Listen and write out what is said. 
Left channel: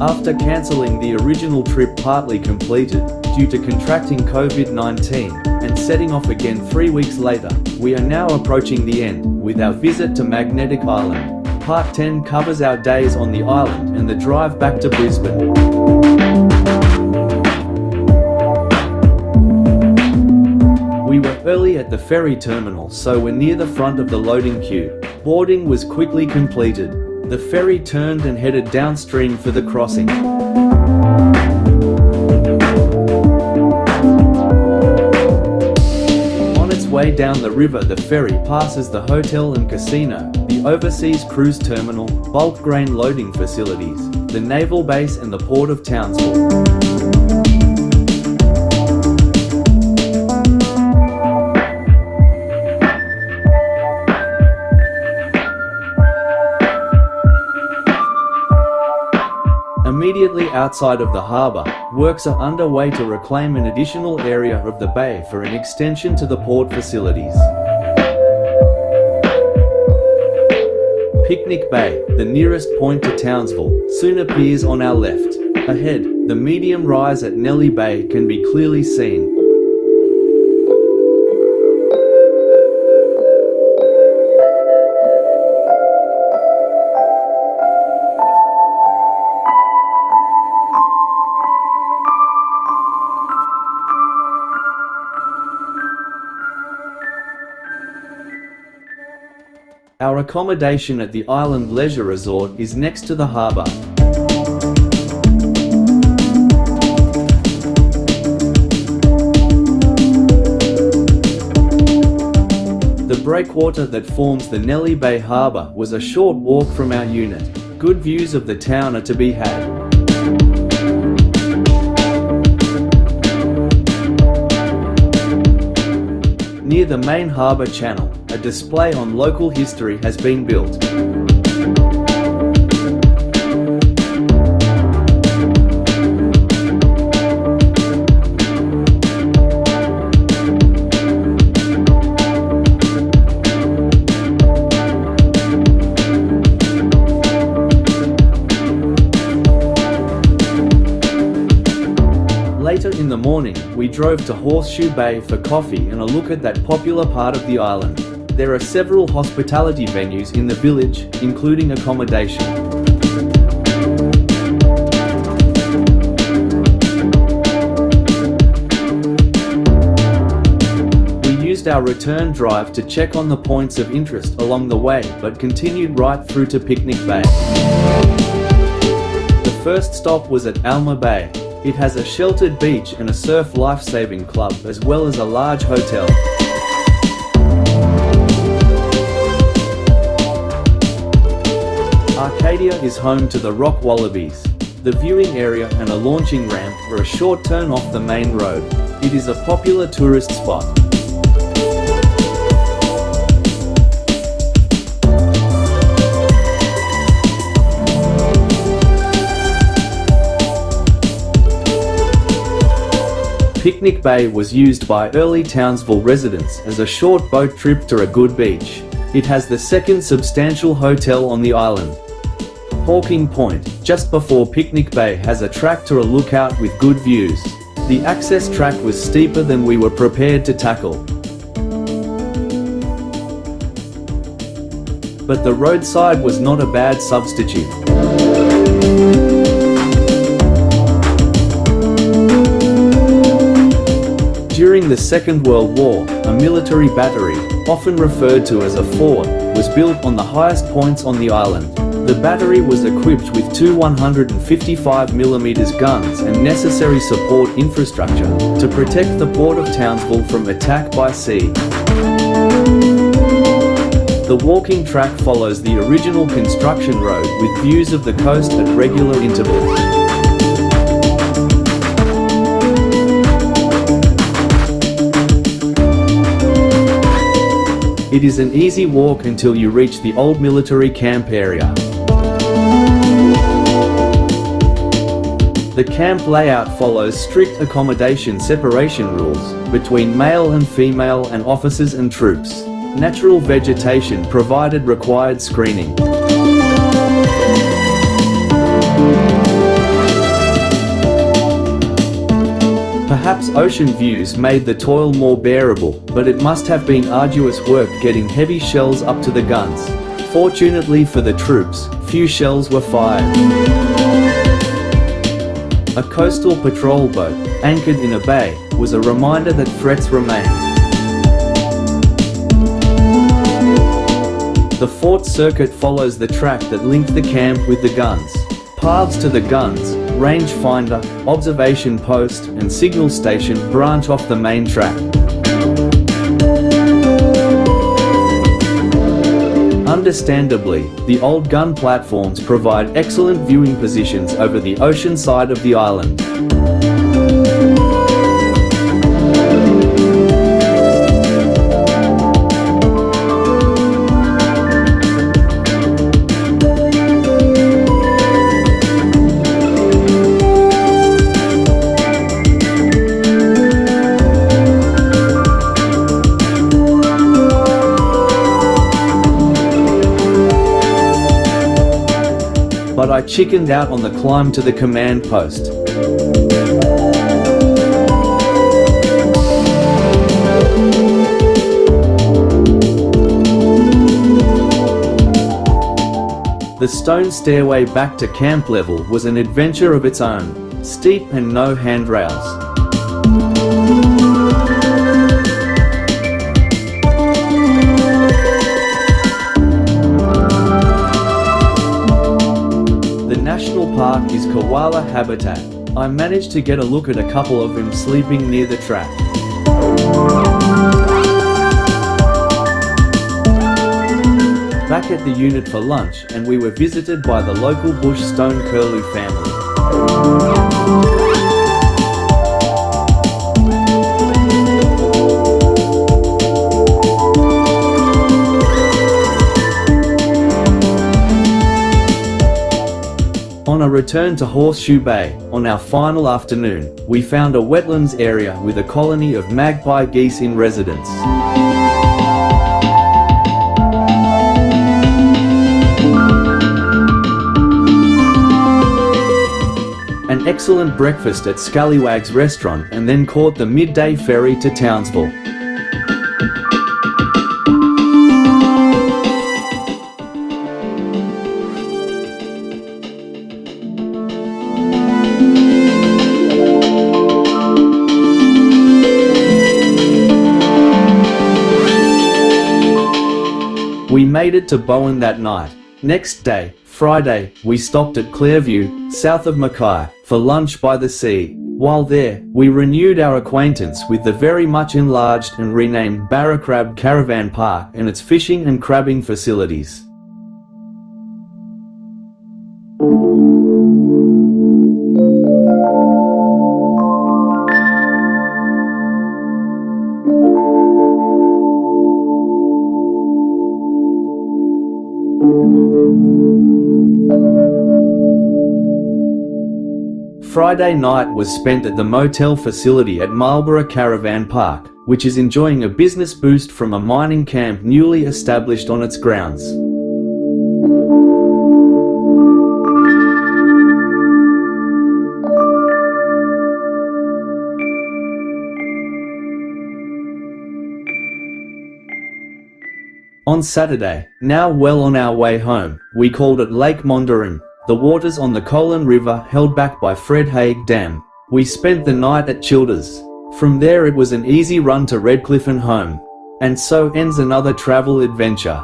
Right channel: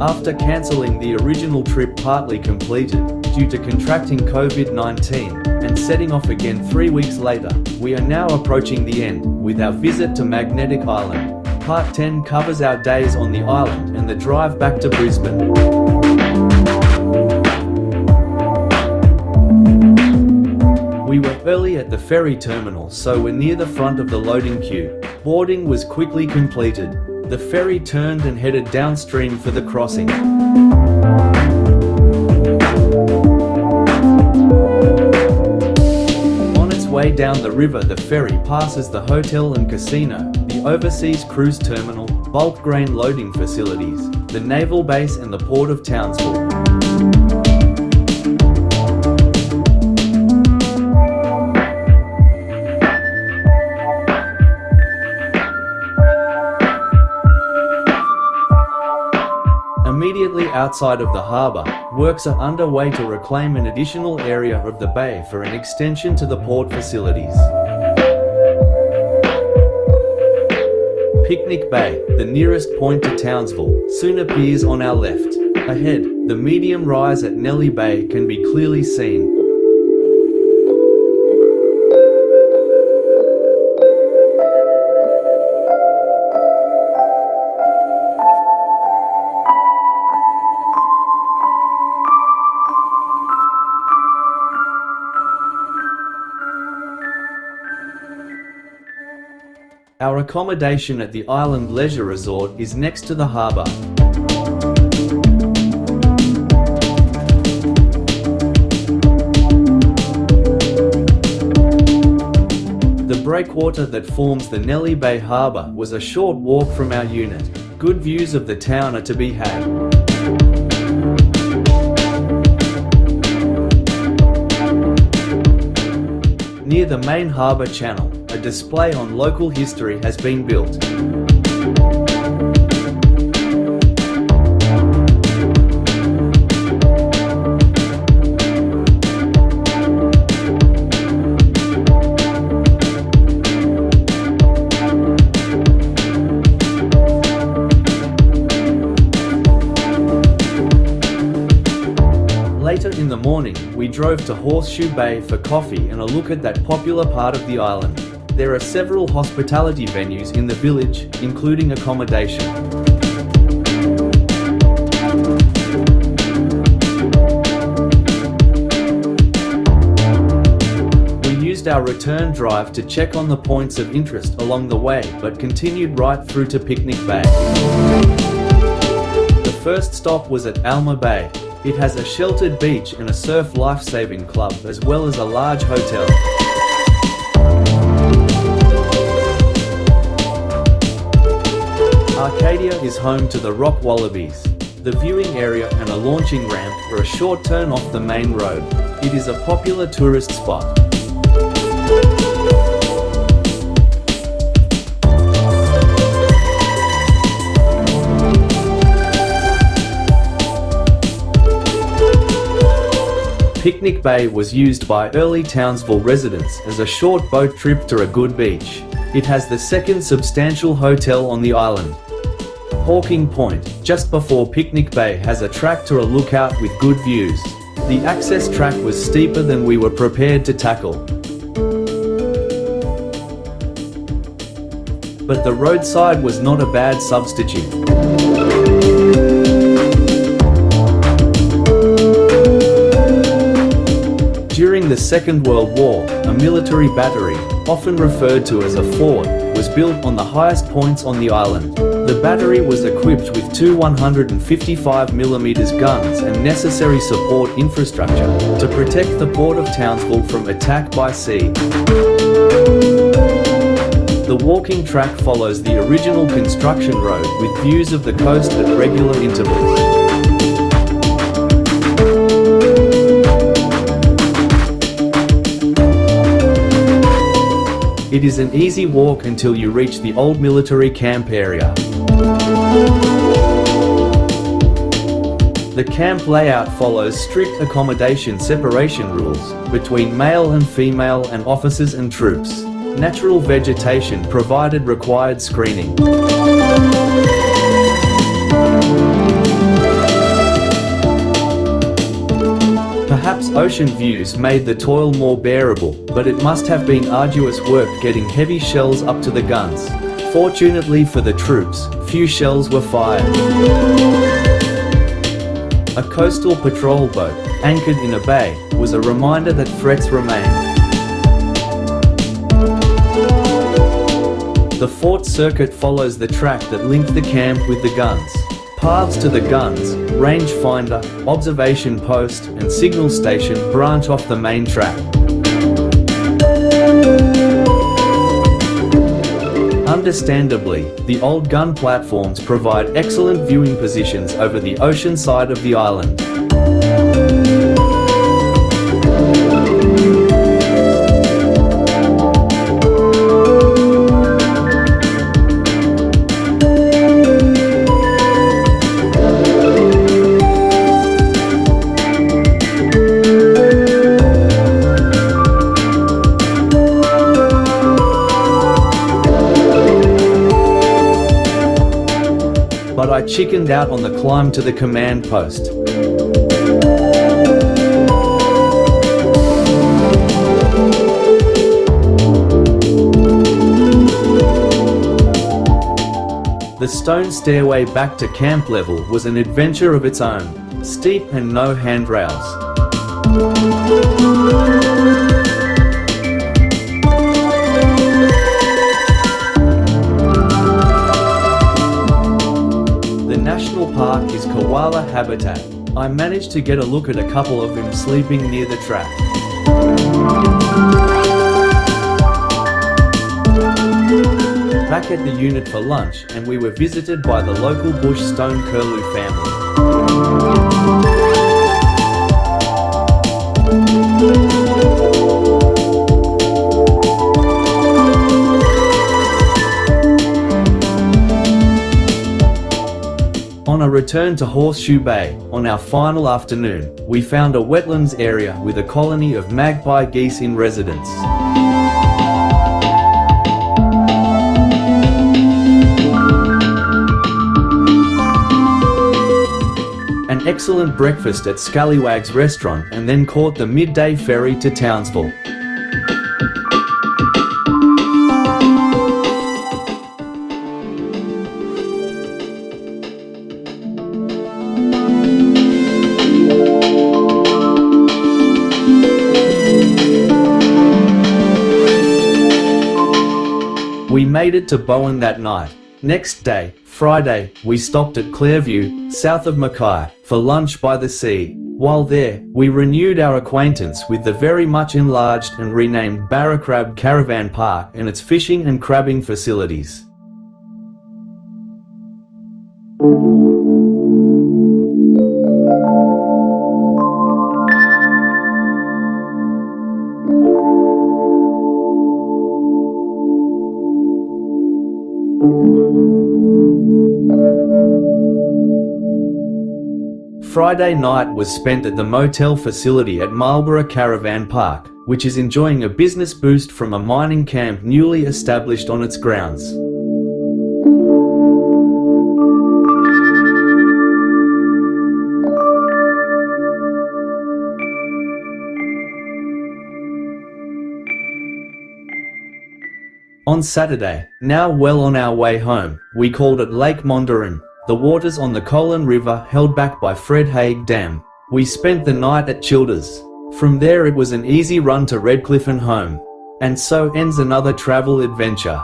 After cancelling the original trip partly completed, due to contracting COVID-19, and setting off again 3 weeks later, we are now approaching the end, with our visit to Magnetic Island. Part 10 covers our days on the island and the drive back to Brisbane. We were early at the ferry terminal, so we're near the front of the loading queue. Boarding was quickly completed. The ferry turned and headed downstream for the crossing. On its way down the river, the ferry passes the hotel and casino, the overseas cruise terminal, bulk grain loading facilities, the naval base and the port of Townsville. Immediately outside of the harbour, works are underway to reclaim an additional area of the bay for an extension to the port facilities. Picnic Bay, the nearest point to Townsville, soon appears on our left. Ahead, the medium rise at Nelly Bay can be clearly seen. Our accommodation at the Island Leisure Resort is next to the harbour. The breakwater that forms the Nelly Bay Harbour was a short walk from our unit. Good views of the town are to be had. Near the main harbour channel, a display on local history has been built. Later in the morning, we drove to Horseshoe Bay for coffee and a look at that popular part of the island. There are several hospitality venues in the village, including accommodation. We used our return drive to check on the points of interest along the way, but continued right through to Picnic Bay. The first stop was at Alma Bay. It has a sheltered beach and a surf life-saving club, as well as a large hotel. Arcadia is home to the rock wallabies. The viewing area and a launching ramp are a short turn off the main road. It is a popular tourist spot. Picnic Bay was used by early Townsville residents as a short boat trip to a good beach. It has the second substantial hotel on the island. Hawking Point, just before Picnic Bay, has a track to a lookout with good views. The access track was steeper than we were prepared to tackle. But the roadside was not a bad substitute. During the Second World War, a military battery, often referred to as a fort, was built on the highest points on the island. The battery was equipped with two 155mm guns and necessary support infrastructure to protect the port of Townsville from attack by sea. The walking track follows the original construction road with views of the coast at regular intervals. It is an easy walk until you reach the old military camp area. The camp layout follows strict accommodation separation rules between male and female and officers and troops. Natural vegetation provided required screening. Perhaps ocean views made the toil more bearable, but it must have been arduous work getting heavy shells up to the guns. Fortunately for the troops, few shells were fired. A coastal patrol boat, anchored in a bay, was a reminder that threats remained. The fort circuit follows the track that linked the camp with the guns. Paths to the guns, rangefinder, observation post, and signal station branch off the main track. Understandably, the old gun platforms provide excellent viewing positions over the ocean side of the island. But I chickened out on the climb to the command post. The stone stairway back to camp level was an adventure of its own, steep and no handrails. The national park is koala habitat. I managed to get a look at a couple of them sleeping near the track. Back at the unit for lunch, and we were visited by the local bush stone curlew family. On a return to Horseshoe Bay, on our final afternoon, we found a wetlands area with a colony of magpie geese in residence. An excellent breakfast at Scallywag's restaurant, and then caught the midday ferry to Townsville. We made it to Bowen that night. Next day, Friday, we stopped at Clairview, south of Mackay, for lunch by the sea. While there, we renewed our acquaintance with the very much enlarged and renamed Barracrab Caravan Park and its fishing and crabbing facilities. Friday night was spent at the motel facility at Marlborough Caravan Park, which is enjoying a business boost from a mining camp newly established on its grounds. On Saturday, now well on our way home, we called at Lake Mondarin, the waters on the Colin River held back by Fred Haig Dam. We spent the night at Childers. From there it was an easy run to Redcliffe and home. And so ends another travel adventure.